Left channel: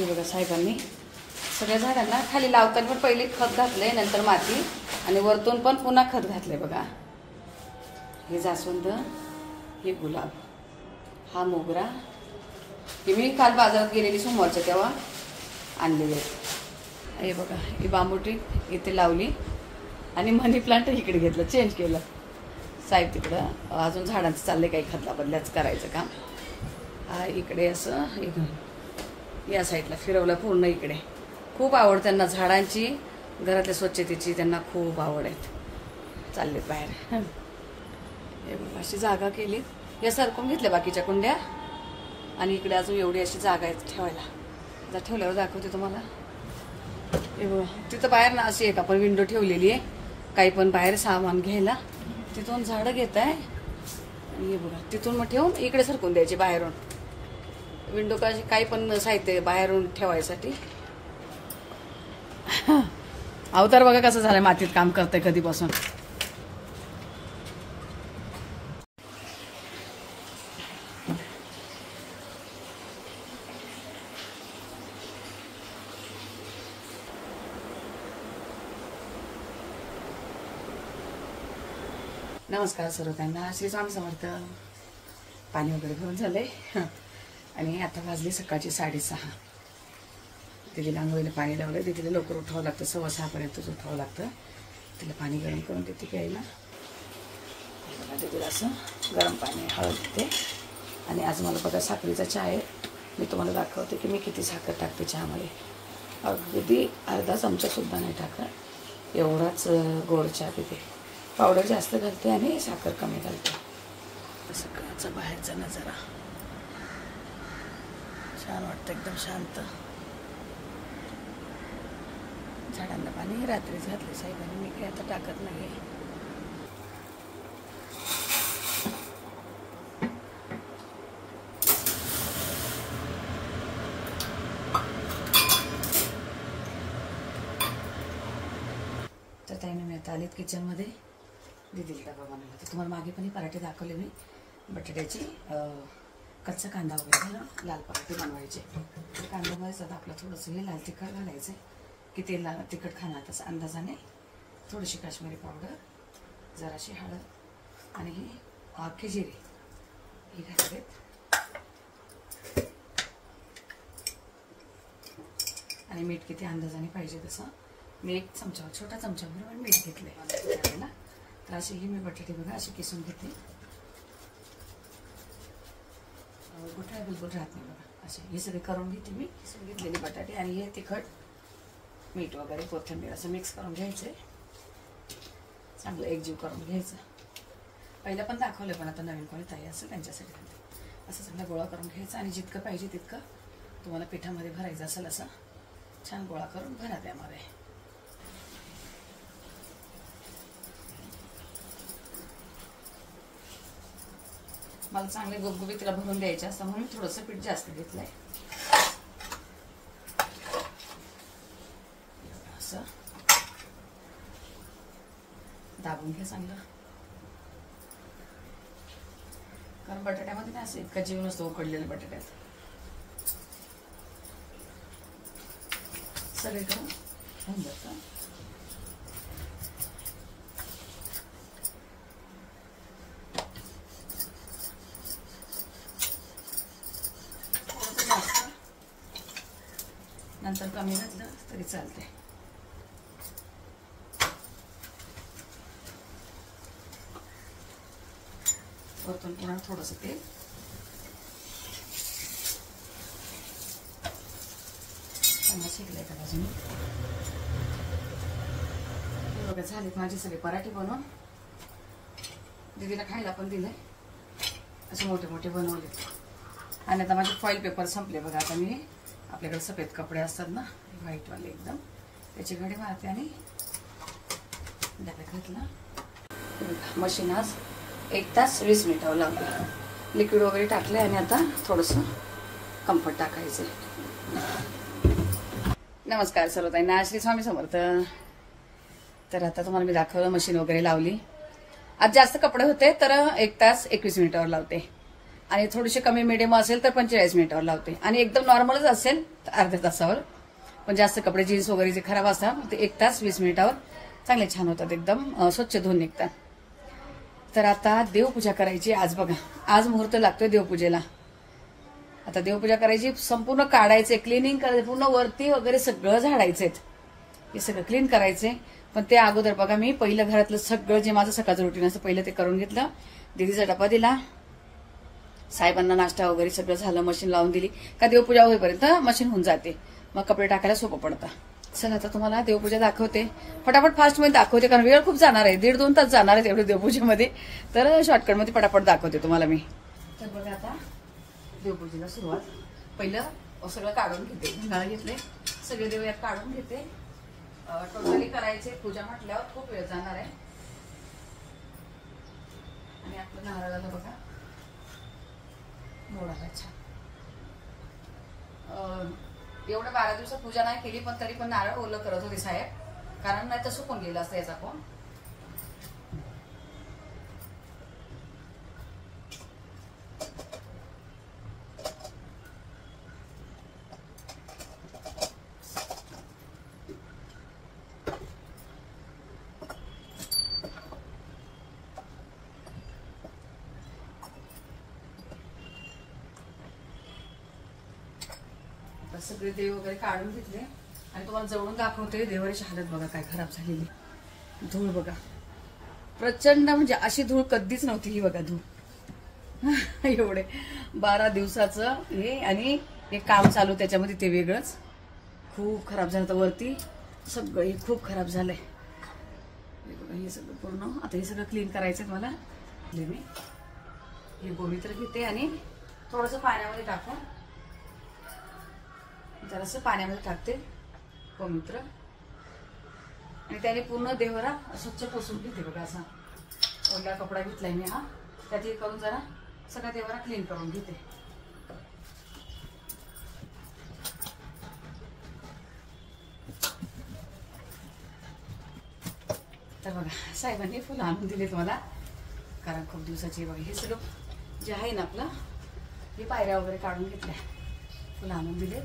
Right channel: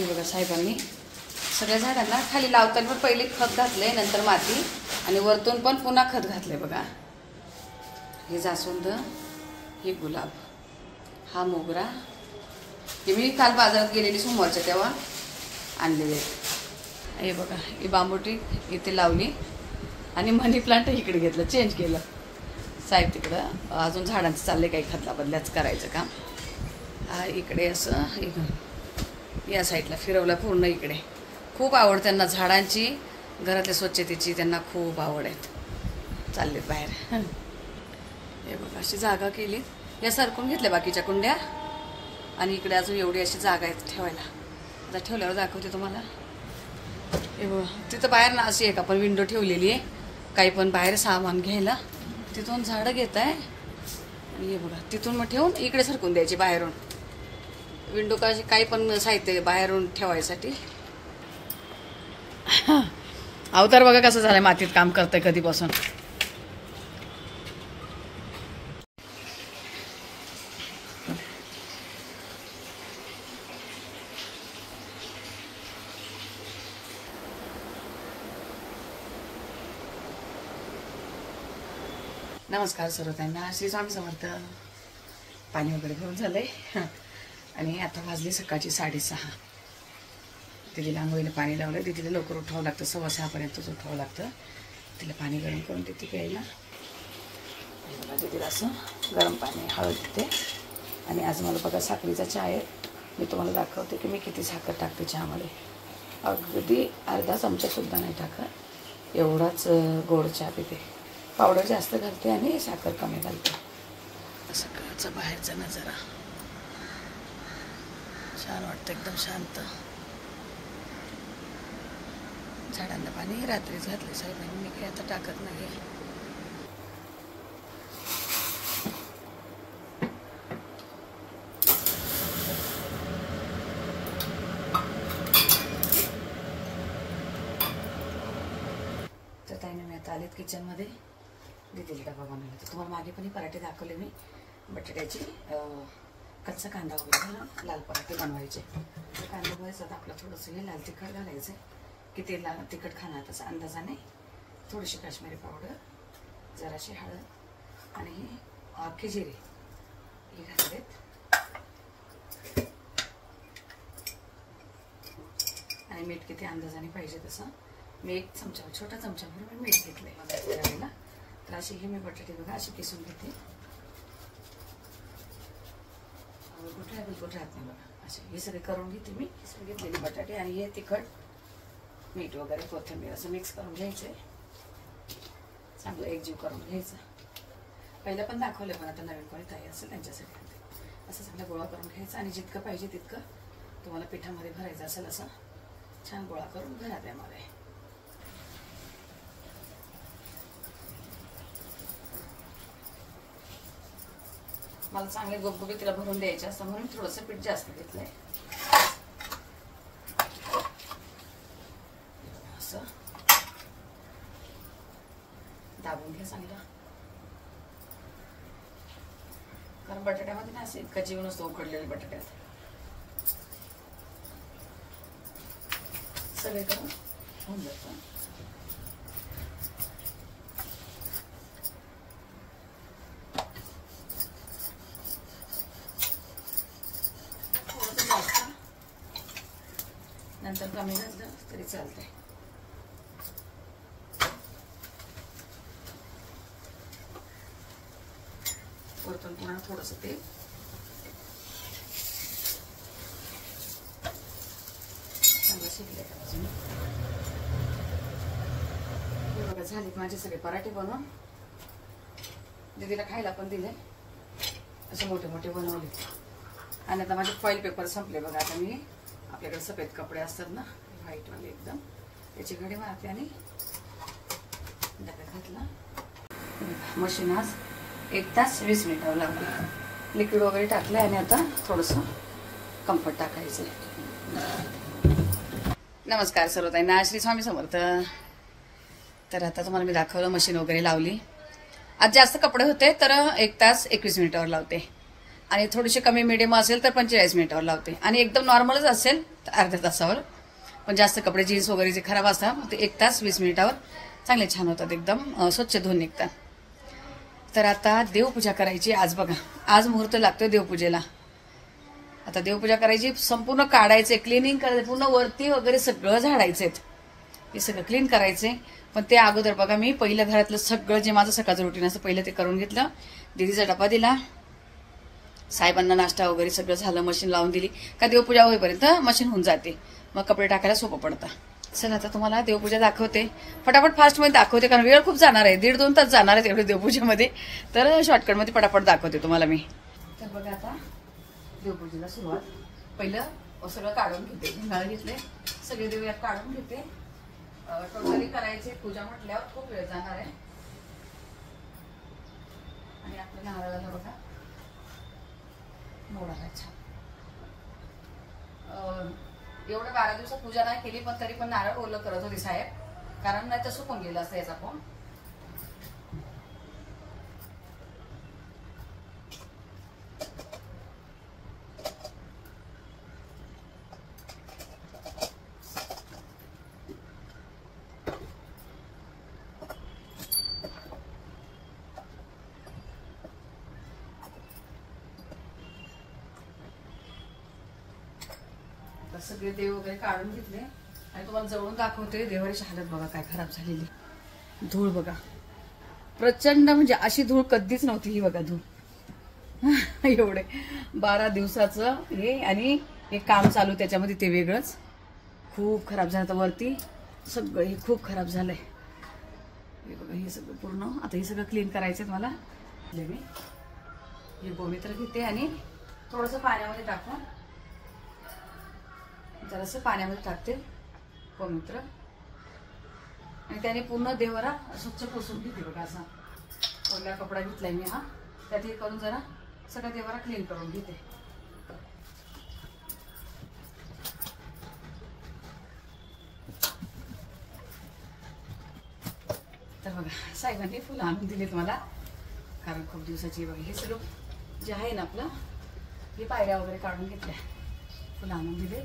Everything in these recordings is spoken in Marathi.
हे बघा साहेबांनी सगळ्या झाडांना खाली लावताना पण पहिले खत घातले, नंतर माती आणि वरतून पण पुन्हा खत घातले बघा. हे जास्वंद, हे गुलाब, हा मोगरा, हे मी काल बाजारात गेलेली सोमवारच्या तेव्हा आणलेले. हे बघा ही बांबुटी इथे लावली आणि मनी प्लांट इकडे घेतलं, चेंज केलं. साहेब तिकडं अजून झाडांचं चाललंय काही खतला बदल्याच करायचं काम. हा इकडे असं या साईडला फिरवलं पूर्ण. इकडे खूप आवड त्यांना झाडांची, घरातल्या स्वच्छतेची त्यांना खूप आवड आहे. चाललेत बाहेर. हे बघा अशी जागा केलीत, या सरकून घेतल्या बाकीच्या कुंड्या आणि इकडे अजून एवढी अशी जागा आहे ठेवायला. जर ठेवल्यावर दाखवते तुम्हाला. हे बघा तिथं बाहेर ना अशी एक आपण विंडो ठेवलेली आहे, काही पण बाहेर सामान घ्यायला. तिथून झाडं घेत आहे आणि हे बघा तिथून मग ठेवून इकडे सरकून द्यायची बाहेरून. विंडो कशी काही पण साहित्य बाहेरून ठेवायसाठी. अवतार बघा कसं झालंय, मातीत काम करतंय कधीपासून. नमस्कार सर्वतांना, श्री स्वामी समर्थ. पाणी वगैरे भरून झालंय आणि आता वाजली सकाळची 6:30. तिला आंघोळीला पाणी लावलं. तिला लवकर उठावं लागतं, 6:15पर्यंतच उठावं लागतं. तिला पाणी गरम करून देते प्यायला. तिला असं गरम पाणी हळद देते. आणि आज मला बघा साखरेचा चहा आहे. मी तुम्हाला दाखवते की मी किती साखर टाकते चहामध्ये. अगदी अर्धा चमचासुद्धा नाही टाकत, एवढाच गोड चहा पिते. पावडर जास्त घालते आणि साखर कमी घालते. सकाळचा बाहेरचा नजारा छान वाटतं, एकदम शांत. झाडांना पाणी रात्रीच घातले साहेबांनी, मी काही आता टाकत नाही. तर त्याने मी आता आलेत किचनमध्ये. दीदीला डबा बनवला. तुम्हाला मागे पण पराठे दाखवले मी, बटाट्याची कच्चा कांदा वगैरे घालून लाल पराठे बनवायचे. कांदा भाजायचा आपला, थोडंसं हे लाल तिखट घालायचं. किती लाल तिखट खाणार तसं अंदाजाने. थोडीशी काश्मीरी पावडर, जराशी हळद आणि ही अख्खी जिरे ही घालते. आणि मीठ किती अंदाजाने पाहिजे तसं. मी एक चमचा, छोटा चमचा म्हणून मीठ घेतलंय त्यावेळेला. तर अशी ही मी बटाटे बघा अशी किसून घेते. कुठे बिलकुल राहत नाही बघा. असे हे सगळे करून घेते मी. किसून घेतलेले बटाटे आणि हे तिखट, मीठ वगैरे, कोथिंबीर असं मिक्स करून घ्यायचंय. चांगलं एकजीव करून घ्यायचं. पहिलं पण दाखवलं, पण आता नवीन कोणी ताई असेल त्यांच्यासाठी घालते. असं चांगला गोळा करून घ्यायचा आणि जितकं पाहिजे तितकं तुम्हाला पिठामध्ये भरायचं असेल असं छान गोळा करून भरा त्यामध्ये. मला चांगले गुबगुबीत तिला भरून द्यायचे असतं म्हणून थोडंसं पीठ जास्त घेतलंय. असं दाबून घ्या चांगलं. कारण बटाट्यामध्ये ना असं इतका जीव नसतो उकडलेल्या बटाट्यात. सगळे करून होऊन जातं. नंतर कमी घातलं तरी चालते. वरतून पुन्हा थोडंसं तेल. चांगलं शिकलंय का बाजूने. बघा झाले माझे सगळे पराठे बनवून. दीदीला खायला पण दिले. असे मोठे मोठे बनवले. आणि आता माझे फॉईल पेपर संपले बघा. आता मी आपल्याकडे सफेद कपडे असतात ना व्हाईटवाले एकदम, त्याची घडी मारते आणि डब्यात घातलं. मशीन आज 1 तास 20 मिनिटावर लावली. लिक्विड वगैरे टाकले आणि आता थोडंसं कम्फर्ट टाकायचं. नमस्कार सर्वताईंना, श्री स्वामी समर्थ. तर आता तुम्हाला मी दाखवलं मशीन वगैरे लावली. आज जास्त कपडे होते तर 1 तास 21 मिनिटावर लावते. आणि थोडीशी कमी मिडियम असेल तर 45 मिनिटावर लावते आणि एकदम नॉर्मलच असेल तर अर्ध्या तासावर. पण जास्त कपडे जीन्स वगैरे जे खराब असतात ते 1 तास 20 मिनिटावर चांगले छान होतात, एकदम स्वच्छ धुवून निघतात. तर आता देवपूजा करायची आज. बघा आज मुहूर्त लागतोय देवपूजेला. आता देवपूजा करायची, संपूर्ण काढायचे, क्लिनिंग करायचं, पूर्ण वरती वगैरे सगळं झाडायचे, हे सगळं क्लीन करायचे. पण ते अगोदर बघा मी पहिलं घरातलं सगळं जे माझं सकाळचं रुटीन असतं पहिलं ते करून घेतलं. दीदीचा डबा दिला, साहेबांना नाश्ता वगैरे सगळं झालं, मशीन लावून दिली का देवपूजा होईपर्यंत मशीन होऊन जाते, मग कपडे टाकायला सोपं पडतं. चला आता तुम्हाला देवपूजा दाखवते, फटाफट फास्टमध्ये दाखवते कारण वेळ खूप जाणार आहे, 1.5-2 तास जाणार आहे तेवढे देवपूजेमध्ये. तर शॉर्टकटमध्ये फटाफट दाखवते तुम्हाला मी. तर बघा आता देवपूजेला सुरुवात. पहिलं सगळं काढून घेते, घंगाळ घेतले, सगळे देव यात काढून घेते. टोटली करायचे पूजा म्हटल्यावर खूप वेळ जाणार आहे. आणि आपलं नारळाला बघा मोड आला छान. एवढं 12 दिवसात पूजा नाही केली पण तरी पण नारळ ओलं करत होते साहेब, कारण नाही तर सुकून गेलं असतं याचा पण. सगळे देव वगैरे काढून घेतले आणि तुम्हाला जवळून दाखवते. देवाची हालत बघा काय खराब झालेली. धूळ बघा प्रचंड, म्हणजे अशी धूळ कधीच नव्हती ही बघा धूळ. एवढे 12 दिवसाचं हे आणि हे काम चालू त्याच्यामध्ये ते वेगळंच खूप खराब झालं. तर वरती सगळं हे खूप खराब झालंय. हे बघा हे सगळं पूर्ण आता हे सगळं क्लीन करायचंय मला. हे गोमित्र घेते आणि थोडंसं पाण्यामध्ये टाकून जरासं पाण्यामध्ये टाकते गोमित्र आणि त्याने पूर्ण देवरा स्वच्छ पुसून घेते बघा. असा ओला कपडा घेतलाय मी हा, त्यात हे करून जरा सगळा देवरा क्लीन करून घेते. तर बघा साहेबांनी फुलं आणून दिलेत मला कारण खूप दिवसाची. बघा हे सगळं जे आहे ना आपलं हे पायऱ्या वगैरे काढून घेतल्या, फुलं आणून दिले.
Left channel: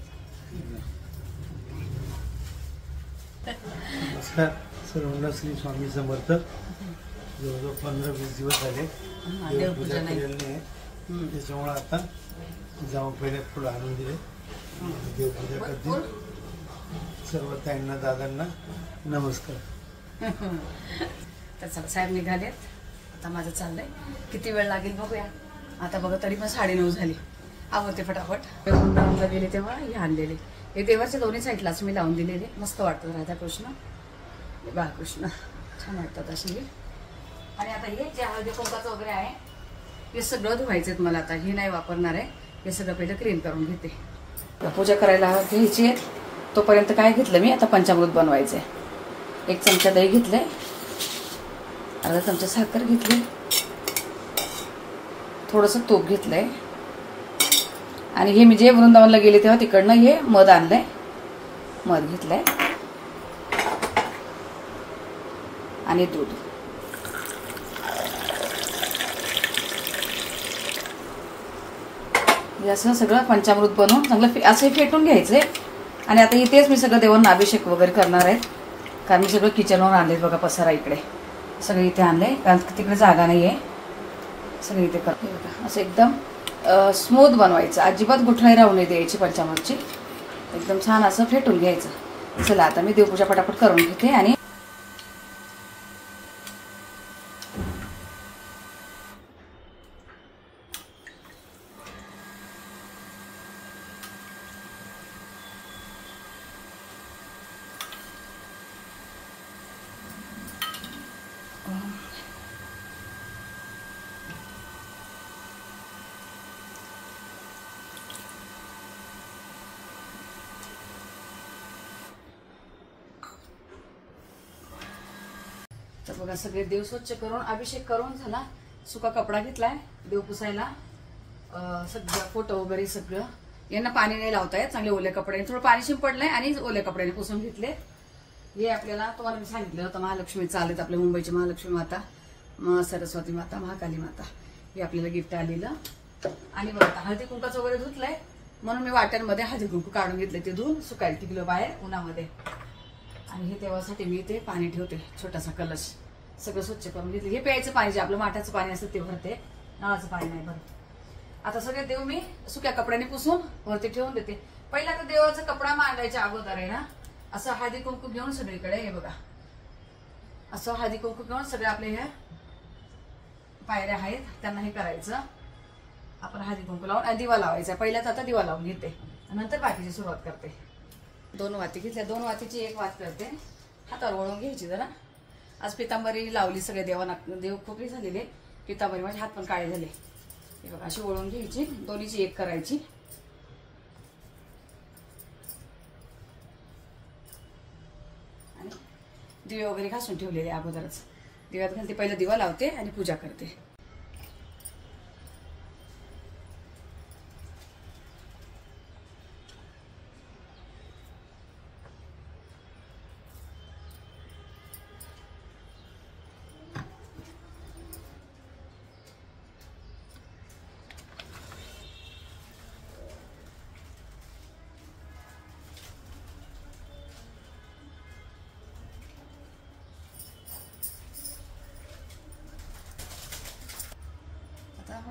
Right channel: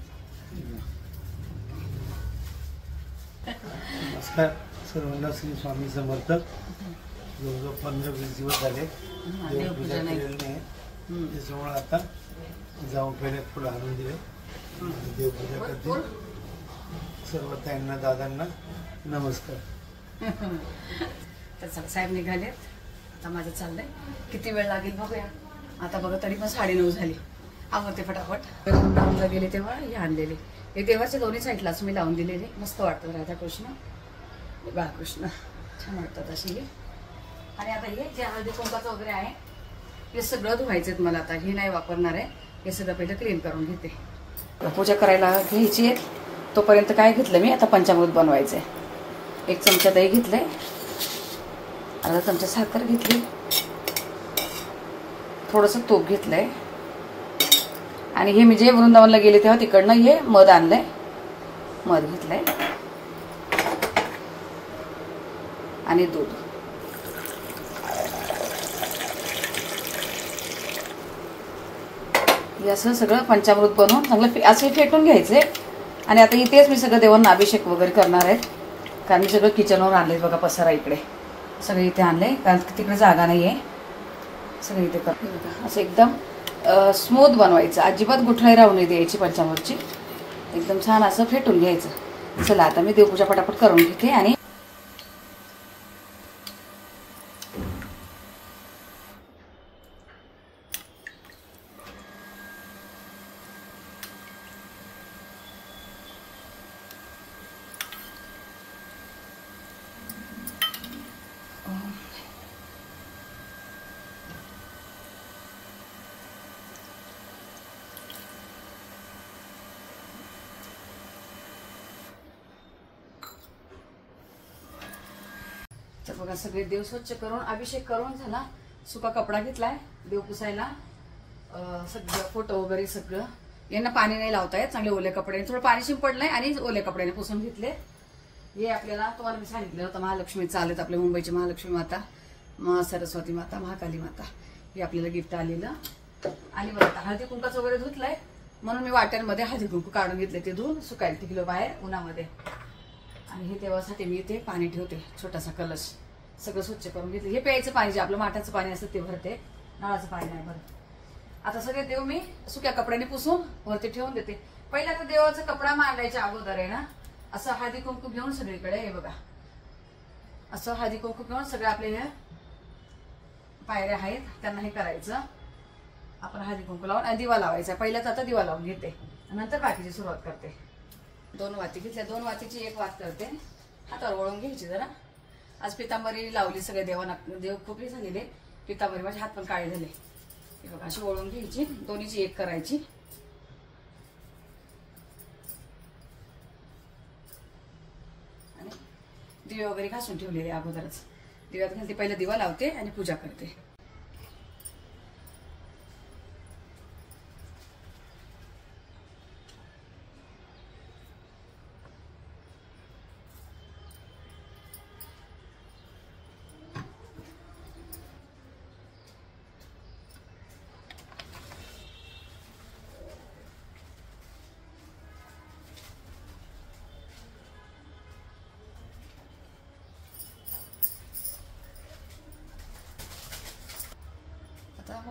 नमस्कार सर्वांना, श्री स्वामी समर्थ. जवळजवळ 15-20 दिवस झाले देवपूजा केलेली नाही, त्याच्यामुळे आता जाऊन पहिले फुलं आणून दिले, देवपूजा करते. सर्व ताईंना दादांना नमस्कार. तर चला साहेब निघालेत, आता माझं चाललंय. किती वेळ लागेल बघूया. आता बघा तरी पण 9:30 झाली. आवडते फटाफट. वृंदावनला गेले तेव्हा हे आणलेले, हे देवाच्या दोन्ही साईडलाच मी लावून दिलेले. मस्त वाटतात राधाकृष्ण बाळकृष्ण, छान वाटतात अशी हे. आणि आता हे जे हळदी कुंकाचं वगैरे आहे हे सगळं धुवायचेत मला. आता हे नाही वापरणार आहे, हे सगळं पहिलं क्लीन करून घेते. पूजा करायला घ्यायची आहे तोपर्यंत काय घेतलं मी, आता पंचामृत बनवायचंय. 1 चमचा दही घेतलंय, अर्धा चमचा साखर घेतली, थोडंसं तूप घेतलंय आणि हे मी जे वृंदावनला गेले तेव्हा तिकडनं हे मध आणलंय, मध घेतलंय आणि दूध. हे असं सगळं पंचामृत बनवून चांगलं असं फेटून घ्यायचंय. आणि आता इथेच मी सगळं देवांना अभिषेक वगैरे करणार आहे कारण मी सगळं किचनवर आणले बघा. पसारा इकडे सगळं इथे आणलंय कारण तिकडे जागा नाहीये. सगळं इथे करते बघा. असं एकदम स्मूथ बनवायचं, अजिबात गुठळी राहू नये द्यायची पंचामृतची. एकदम छान असं फेटून घ्यायचं. चला आता मी देवपूजा पटापट करून घेते. आणि तर बघा सगळे देव स्वच्छ करून अभिषेक करून झाला. सुका कपडा घेतलाय देव पुसायला. सगळं फोटो वगैरे सगळं. यांना पाणी नाही लावतायत, चांगले ओले कपडे, थोडं पाणी शिंपडलंय आणि ओले कपड्याने पुसून घेतले. हे आपल्याला तुम्हाला मी सांगितलं होतं महालक्ष्मी चालेत, आपल्या मुंबईची महालक्ष्मी माता, सरस्वती माता, महाकाली माता, हे आपल्याला गिफ्ट आलेलं. आणि बघा आता हळदी कुंकाचं वगैरे धुतलंय म्हणून मी वाट्यांमध्ये हळदी कुंकू काढून घेतले, ते धुवून सुकायला टिकलं बाहेर उन्हामध्ये. आणि हे तेव्हासाठी मी इथे पाणी ठेवते, छोटासा कलश सगळं स्वच्छ करून घेतलं. हे प्यायचं पाणी जे आपलं माठाचं पाणी असतं ते भरते, नळाचं पाणी नाही भरत. आता सगळे देव मी सुक्या कपड्याने पुसून वरती ठेवून देते. पहिला तर देवाचा कपडा मांडायच्या अगोदर आहे ना असं हळदी कुंकू घेऊन सगळीकडे, हे बघा असं हळदी कुंकू घेऊन सगळे आपले ह्या पायऱ्या आहेत त्यांना हे करायचं. आपण हळदी कुंकू लावून आणि दिवा लावायचा. पहिल्याच आता दिवा लावून घेते, नंतर बाकीची सुरुवात करते. 2 वाती घेतल्या, 2 वातीची 1 वात करते. हातावर वळून घ्यायची जरा. आज पितांबरी लावली सगळ्या देवांना, देव खूप झालेले पितांबरी, माझे हात पण काळे झाले. हे बघा अशी वळून घ्यायची, दोन्हीची 1 करायची. आणि दिवे वगैरे घासून ठेवलेले अगोदरच. दिव्यात घालते, पहिला दिवा लावते आणि पूजा करते.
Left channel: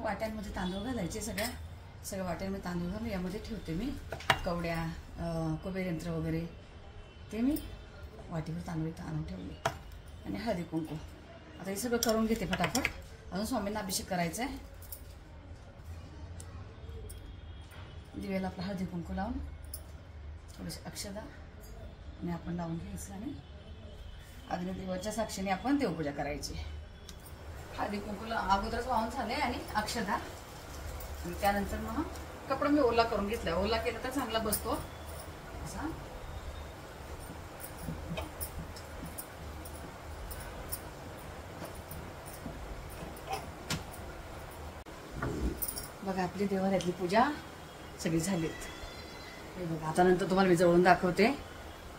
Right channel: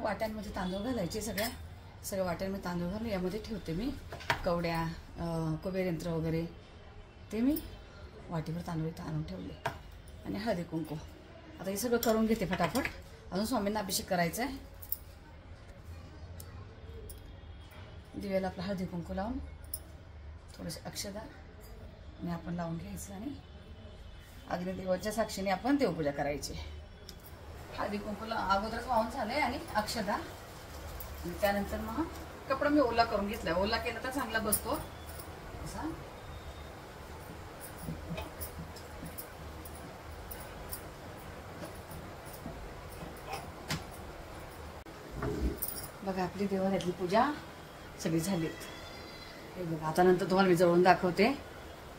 वाट्यांमध्ये तांदूळ घालायचे, सगळ्या वाट्यांमध्ये तांदूळ घालून यामध्ये ठेवते मी. कवड्या, कुबेर यंत्र वगैरे ते मी वाटीवर तांदूळ आणून ठेवले. आणि हळदी कुंकू आता हे सगळं करून घेते फटाफट. अजून स्वामींना अभिषेक करायचा आहे. दिव्याला आपला हळदी कुंकू लावून थोडंसं अक्षदा आणि आपण लावून घ्यायचं आणि अग्निदेवाच्या साक्षीने आपण देवपूजा करायची. हळदी कुंकूला अगोदरच वाहून झालंय आणि अक्षदा आणि त्यानंतर मग कपडा मी ओला करून घेतला. ओला केला तर चांगला बसतो असा. बघा आपली देवाऱ्यातली पूजा सगळी झाली. बघा आता नंतर तुम्हाला मी जवळून दाखवते.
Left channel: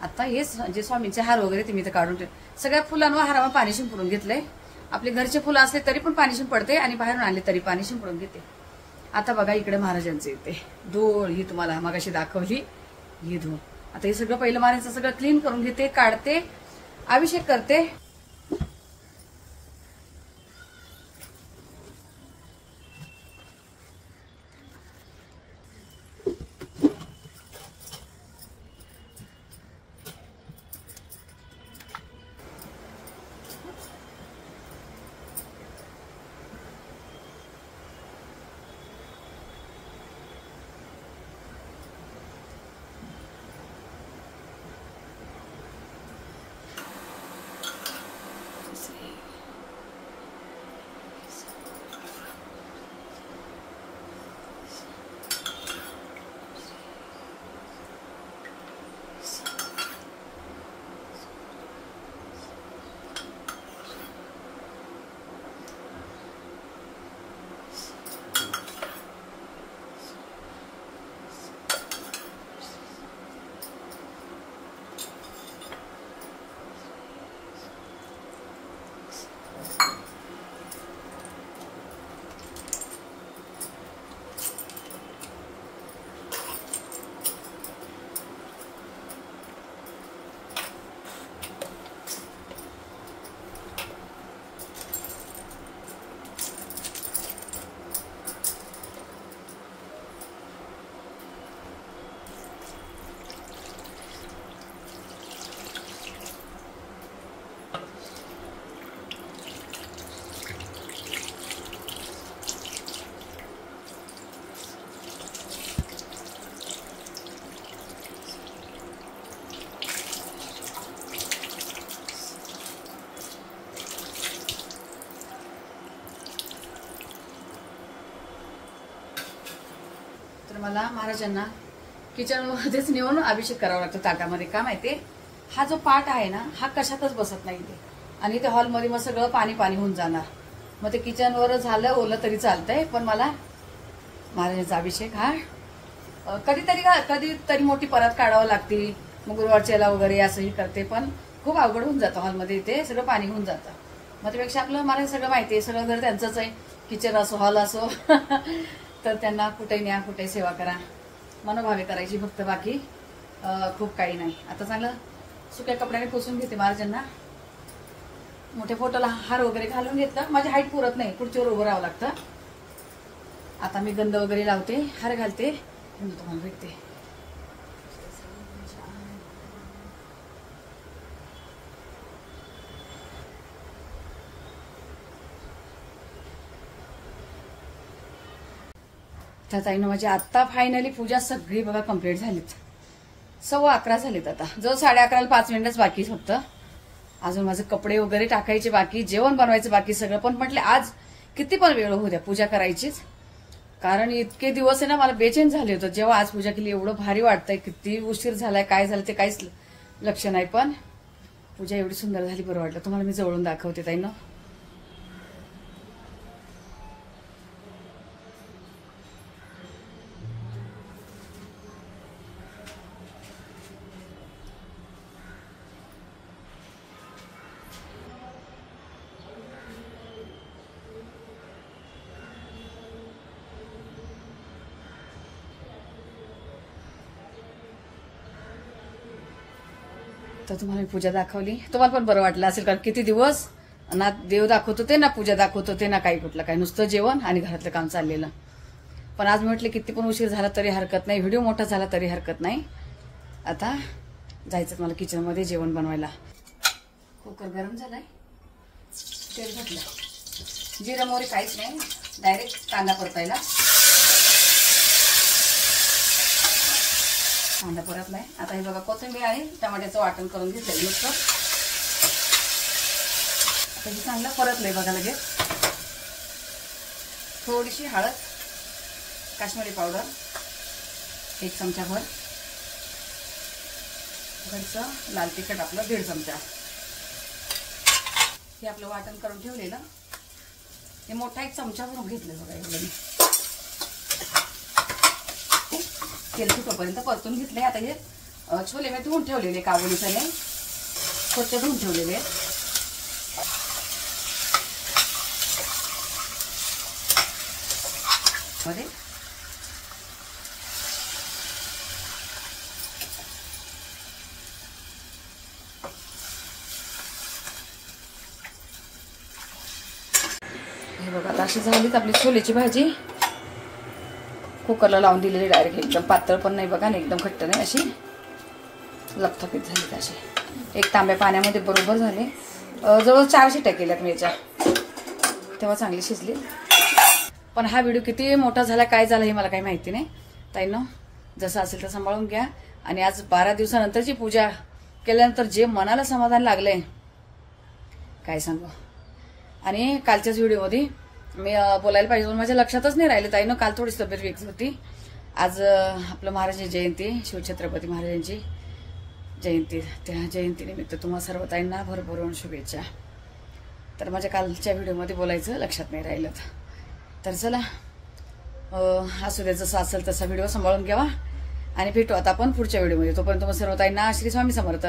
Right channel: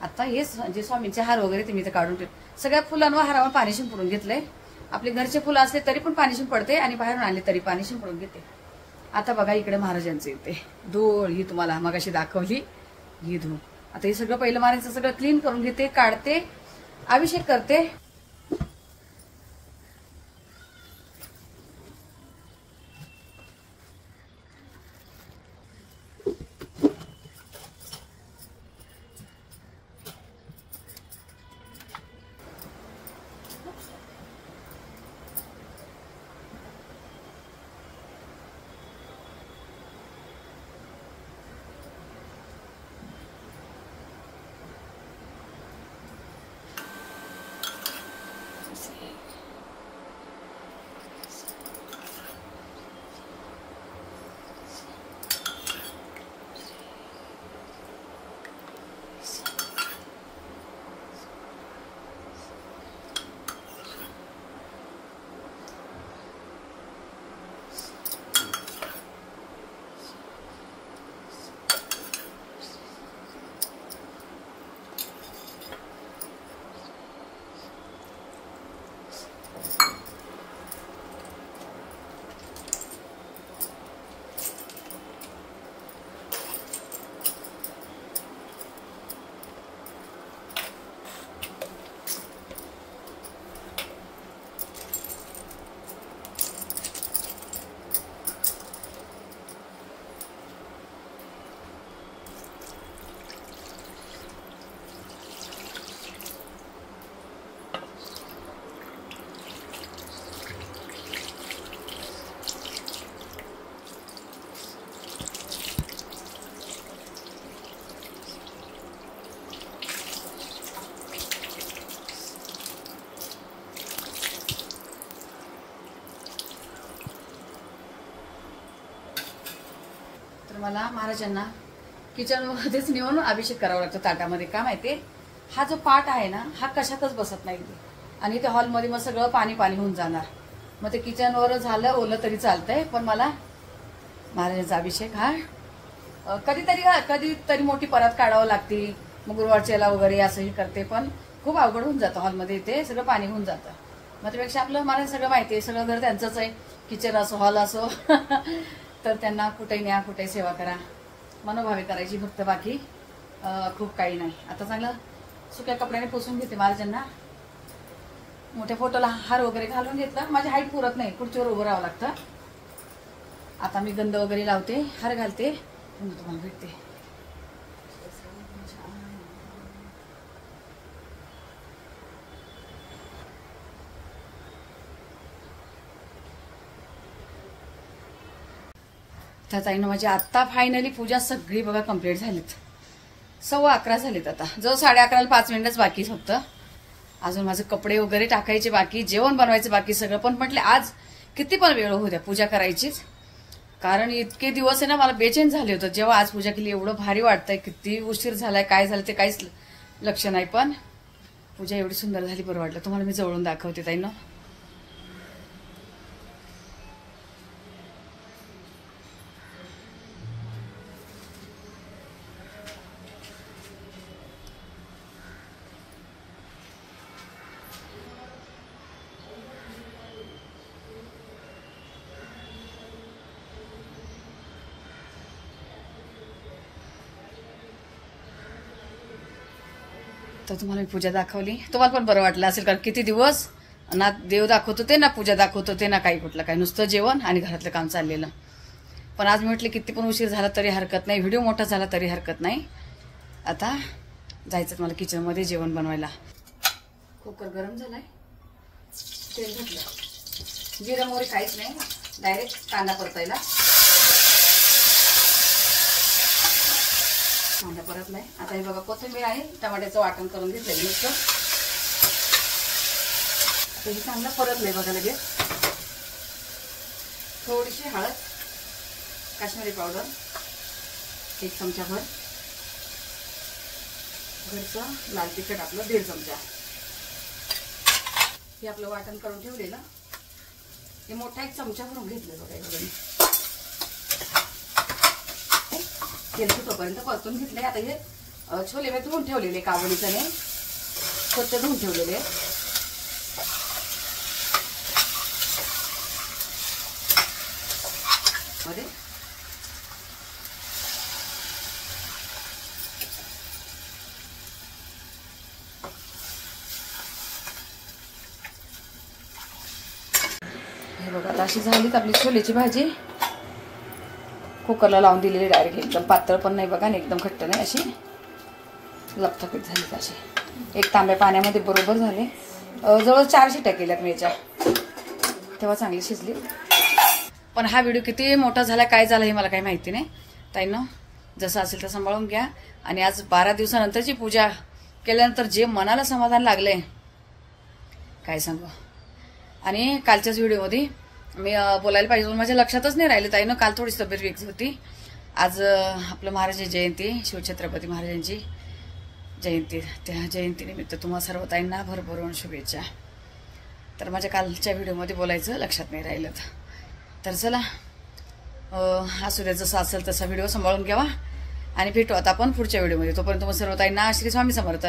आता हे जे स्वामींचे हार वगैरे ते मी तर काढून ठेवले. सगळ्या फुलांवर हारावर पाणी शिंपडून घेतलंय. आपले घरचे फुलं असले तरी पण पाणी शिंपडते आणि बाहेरून आणले तरी पाणी शिंपडून घेते. आता बघा इकडे महाराजांचे येते धूळ, ही तुम्हाला मगाशी दाखवली ही धूळ. आता हे सगळं पहिलं महाराजांचं सगळं क्लीन करून घेते, काढते, अभिषेक करते. तर मला महाराजांना किचन मध्येच नेऊन अभिषेक करावा लागतो ताटामध्ये. का माहितीये, हा जो पाट आहे ना हा कशातच बसत नाही ते. आणि ते हॉलमध्ये मग सगळं पाणी पाणी होऊन जाणार. मग ते किचनवर झालं ओलं तरी चालतंय, पण मला महाराजांचा अभिषेक हा कधीतरी मोठी परत काढावं लागते. मग गुरुवारच्याला वगैरे असंही करते, पण खूप अवघड होऊन जातं. हॉलमध्ये ते सगळं पाणी होऊन जातं. मग त्यापेक्षा आपलं मला सगळं माहितीये, सगळं घर त्यांचंच आहे. किचन असो हॉल असो फक्त त्यांना कुठे न्या, कुठे सेवा करा, मनोभावे करायची फक्त, बाकी खूप काही नाही. आता चांगलं सुक्या कपड्याने पुसून घेते महाराजांना. मोठ्या फोटोला हार वगैरे घालून घेतलं. माझी हाईट पुरत नाही, खुर्चीवर उभं राहावं लागतं. आता मी गंध वगैरे लावते, हार घालते, तुम्हाला भेटते. तर ताईनं माझी आता फायनली पूजा सगळी बघा कंप्लीट झालीत. 11:15 झालीत. आता जो 11:30ला 5 मिनिटच बाकी फक्त. अजून माझे कपडे वगैरे टाकायचे बाकी, जेवण बनवायचं बाकी सगळं. पण म्हटले आज किती पण वेळ होऊ द्या, पूजा करायचीच. कारण इतके दिवस आहे ना मला बेचैन झाले होते. जेव्हा आज पूजा केली एवढं भारी वाटतंय. किती उशीर झालाय, काय झालं ते काहीच लक्ष नाही, पण पूजा एवढी सुंदर झाली, बरं वाटलं. तुम्हाला मी जवळून दाखवते ताईनं. तर तुम्हाला मी पूजा दाखवली, तुम्हाला पण बरं वाटलं असेल. कारण किती दिवस ना देव दाखवत होते ना पूजा दाखवत होते ना काही कुठलं काय, नुसतं जेवण आणि घरातलं काम चाललेलं. पण आज मी म्हटले किती पण उशीर झाला तरी हरकत नाही, व्हिडिओ मोठा झाला तरी हरकत नाही. आता जायचं मला किचनमध्ये जेवण बनवायला. कुकर गरम झालाय, तेल घातलं, जिरं मोहरी काहीच नाही, डायरेक्ट कांदा परतायला. कांदा परतलाय. आता हे बघा कोथिंबीर आणि टमाट्याचं वाटण करून घेतलंय नुसतं. आता हे चांगलं परतलंय बघा लगेच. थोडीशी हळद, काश्मीरी पावडर 1 चमचाभर, घरचं लाल तिखट आपलं 1.5 चमचा. हे आपलं वाटण करून ठेवलेलं, हे मोठा 1 चमचा भरून घेतलं बघा. एवढं तेल सुटोपर्यंत परतून घेतले. आता हे छोले मी धुवून ठेवलेले, काबुली चणे स्वच्छ धुवून ठेवलेले. मध्ये हे बघा आता अशी झालीच आपली छोलेची भाजी. कुकरला लावून दिलेली डायरेक्ट, एकदम पातळ पण नाही बघा आणि एकदम घट्ट नाही, अशी लपथपीत झाली. अशी 1 तांब्या पाण्यामध्ये बरोबर झाले. जवळ 4 शिट्या केल्यात मी याच्या, तेव्हा चांगली शिजली. पण हा व्हिडिओ किती मोठा झाला काय झाला हे मला काही माहिती नाही. ताईंनो जसं असेल तर सांभाळून घ्या. आणि आज 12 दिवसानंतरची पूजा केल्यानंतर जे मनाला समाधान लागलंय काय सांगू. आणि कालच्याच व्हिडिओमध्ये मी बोलायला पाहिजे पण माझ्या लक्षातच नाही राहिलं ताईनं. काल थोडीशी तब्येत वेगळी होती. आज आपलं महाराजांची जयंती, शिवछत्रपती महाराजांची जयंती, त्या जयंतीनिमित्त तुम्हा सर्व ताईंना भरभरून शुभेच्छा. तर माझ्या कालच्या व्हिडिओमध्ये बोलायचं लक्षात नाही राहिलं. तर चला असू द्या, जसं असेल तसा व्हिडिओ सांभाळून घ्यावा आणि भेटू आता आपण पुढच्या व्हिडिओमध्ये. तोपर्यंत तुम्हाला सर्व ताईंना श्री स्वामी समर्थ.